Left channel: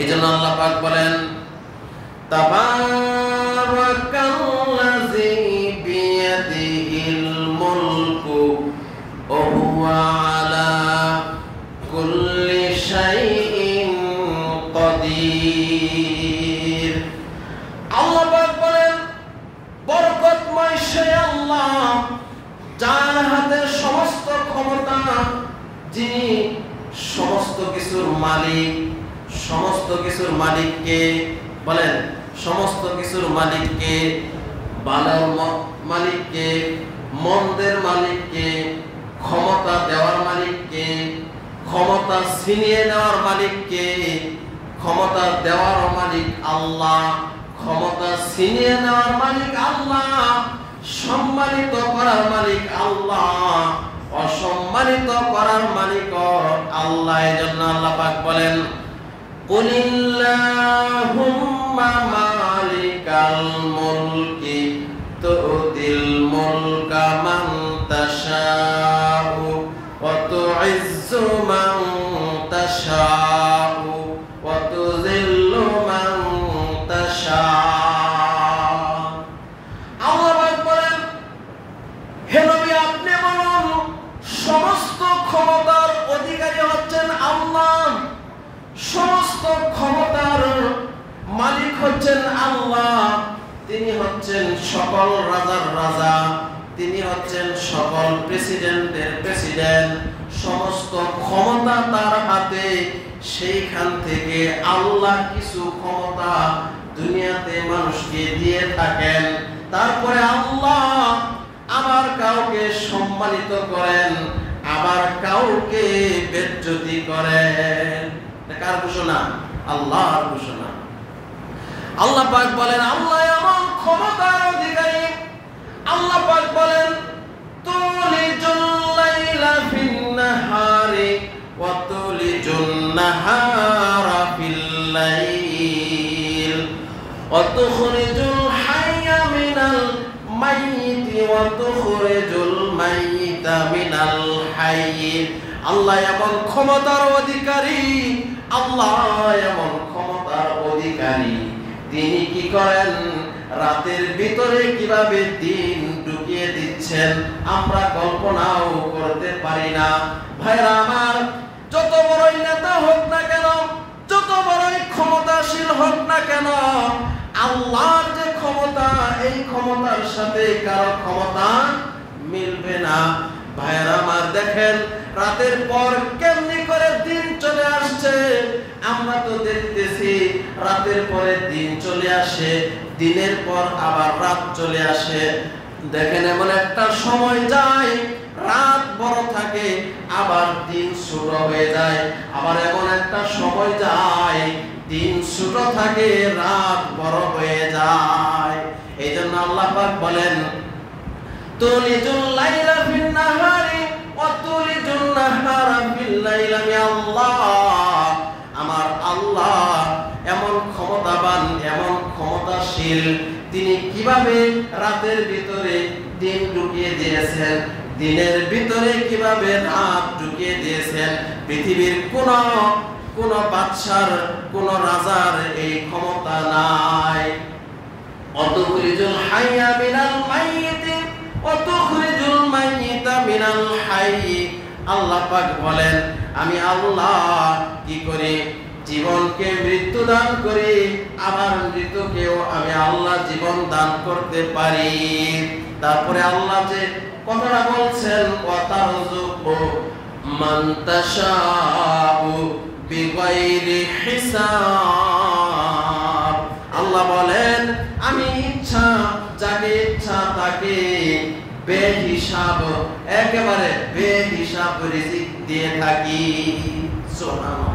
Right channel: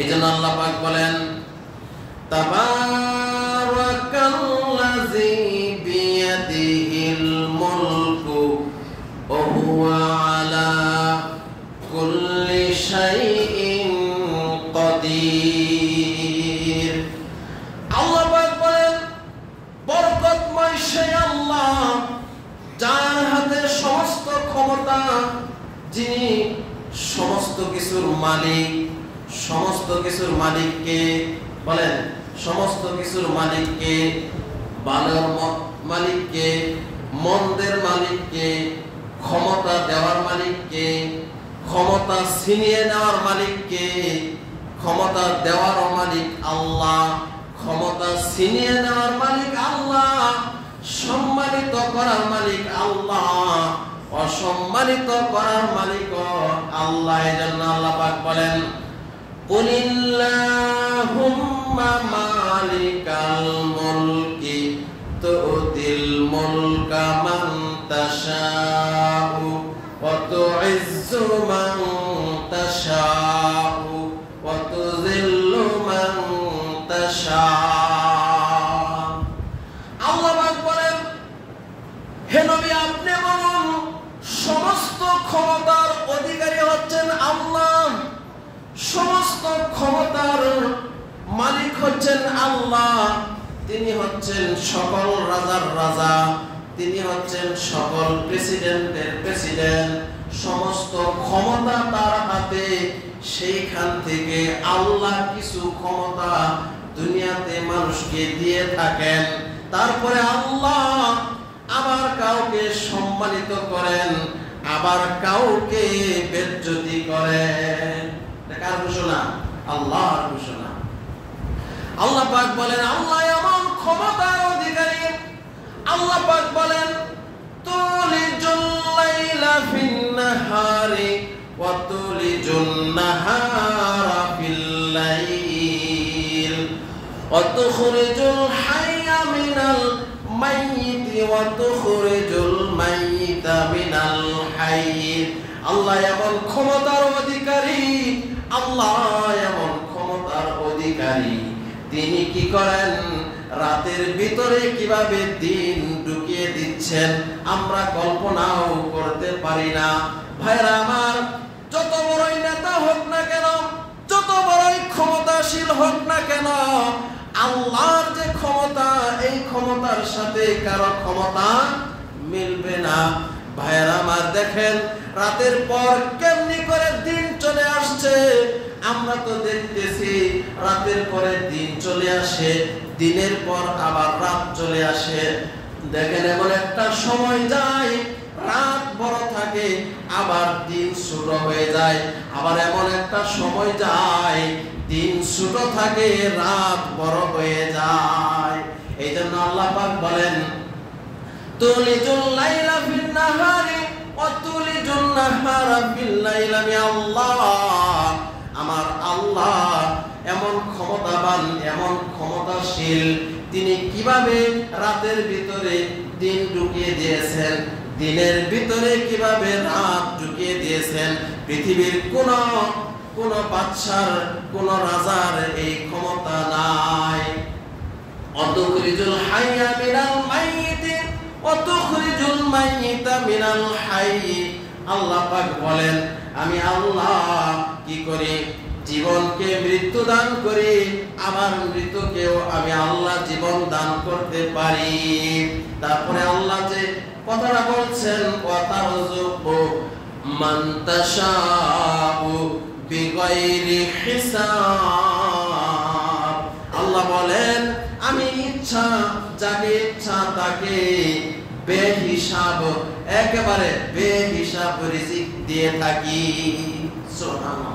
এইজন্য আল্লাহ পাক বলেন তাবারাকাল্লাযী বিয়াদিহিল মুলকু ওয়া হুয়া আলা কুল্লি শাইইন কাদির। আল্লাহ পাক বলেন বরকতময় সেই আল্লাহ যার হাতে সমস্ত ক্ষমতা, যিনি সমস্ত কিছুর মালিক। সমস্ত কিছুর মালিককে বলেন, সমস্ত কিছুর মালিককে, ভালোর মালিককে, মন্দের মালিককে, ক্ষমতা দেওয়ার মালিককে, ক্ষমতা ছিনিয়ে নেওয়ার মালিককে। ক্ষমতা দেওয়ার মালিক আল্লাহ, ক্ষমতা ছিনিয়ে নেওয়ার মালিক আল্লাহ, সম্মানিত করার মালিক আল্লাহ, অসম্মানিত করার মালিক আল্লাহ। এজন্য আল্লাহ পাক বলেন কুলিল্লাহুম্মা মালিকাল মুলকি তুতিল মুলকা মান তাশাউ ওয়া তুইজ্জু মান তাশাউ ওয়া তুযিল্লু মান তাশাউ। আল্লাহ পাক বলেন হে নবী আপনি বলুন সমস্ত ক্ষমতার অধিকারী হচ্ছেন আল্লাহ, সমস্ত ক্ষমতার মালিক হচ্ছেন আল্লাহ। তিনি হচ্ছেন সকল রাজার রাজা, তিনি হচ্ছেন সকল প্রেসিডেন্টের প্রেসিডেন্ট। সমস্ত ক্ষমতা তার হাতে। সেইখান থেকে আল্লাহ কিছু ক্ষমতা দুনিয়াতে মানুষকে দিয়ে থাকেন। তারপরে আল্লাহ আবার কাউকে সম্মানিত করেন, আবার কাউকে বেজ্জতি করেন। কার ঘোষণা? আল্লাহর ঘোষণা। আল্লাহ পাক বলেন আল্লাহ এমন ক্ষমতার অধিকারী। আল্লাহ পাক বলেন তুলিজুল লাইলা ফিন নাহারি ওয়া তুলিজুন নাহারা ফিল লাইল ওয়া তুখরিজুল হাইয়া মিনাল মাইয়িতি ওয়া তুখরিজুল মাইয়িতা মিনাল হাইয়্যি। আল্লাহ এমন ক্ষমতার অধিকারী, আল্লাহ এমন ক্ষমতার অধিকারী। তিনি কি করেন? রাতের ভিতরে কিভাবে দিন ঢুকিয়ে দিচ্ছেন আমরা কল্পনাও করতে পারি না। ভাইরা আমার, যত বড়ই নেতা হোক না কেন, যত বড়ই ক্ষমতাশীল হোক না কেন, আল্লাহর যে ক্ষমতা, এই ক্ষমতার সাথে কারো ক্ষমতা মিলবে না। ভাইরা আমার দেখেন রাতের পর কেমনি করে দিন চলে আসছে। আমরা তো দেখতেছি রাতের পরে দিন চলে আসে, দিনের পর আবার রাত চলে আসে। দেখেন এমন একটা সময় যায় রাত বড় থাকে, আবার দিন ছোট হয়ে যায়। আবার এমন একটা সময় যায় দিন ছোট থাকে, রাত বড় হয়ে যায়। এই জন্য আল্লাহ পাক বলেন তুলিজুল লাইলা ফিন নাহারি ওয়া তুলিজুন নাহারা ফিল লাইল। আমি আল্লাহ, আমার আল্লাহ এমন ক্ষমতাবান, এমন ক্ষমতাশীল। তিনি কিভাবে রাতের ভিতরে দিন ঢুকিয়ে দিয়েছেন, দিনের ভিতরে কিভাবে রাত ঢুকিয়ে দিয়েছেন। পৃথিবীর কোন বাদশার, কোন রাজার এই ক্ষমতা নাই। অতুখরিজুল হাইয়া মিনাল মাইয়িতি ওয়া তুখরিজুল মাইয়িতা মিনাল হাইয়্যি। আল্লাহ পাক বলেন আমি আল্লাহ কি করি? জীবনকে মৃত্যু দান করি, আবার মৃতকেও আমি আল্লাহ জীবন দান করতে পারি। তারপরে আল্লাহ যে কথাটা বলছেন ওয়া তারযুকু মান তাশাউ বিগাইরি হিসাব। আল্লাহ বলেন আমি ইচ্ছা যাকে ইচ্ছা তাকে বেহিসাব, একেবারে বেহিসাব রিজিক দিয়ে থাকি। সুবহানাল্লাহ।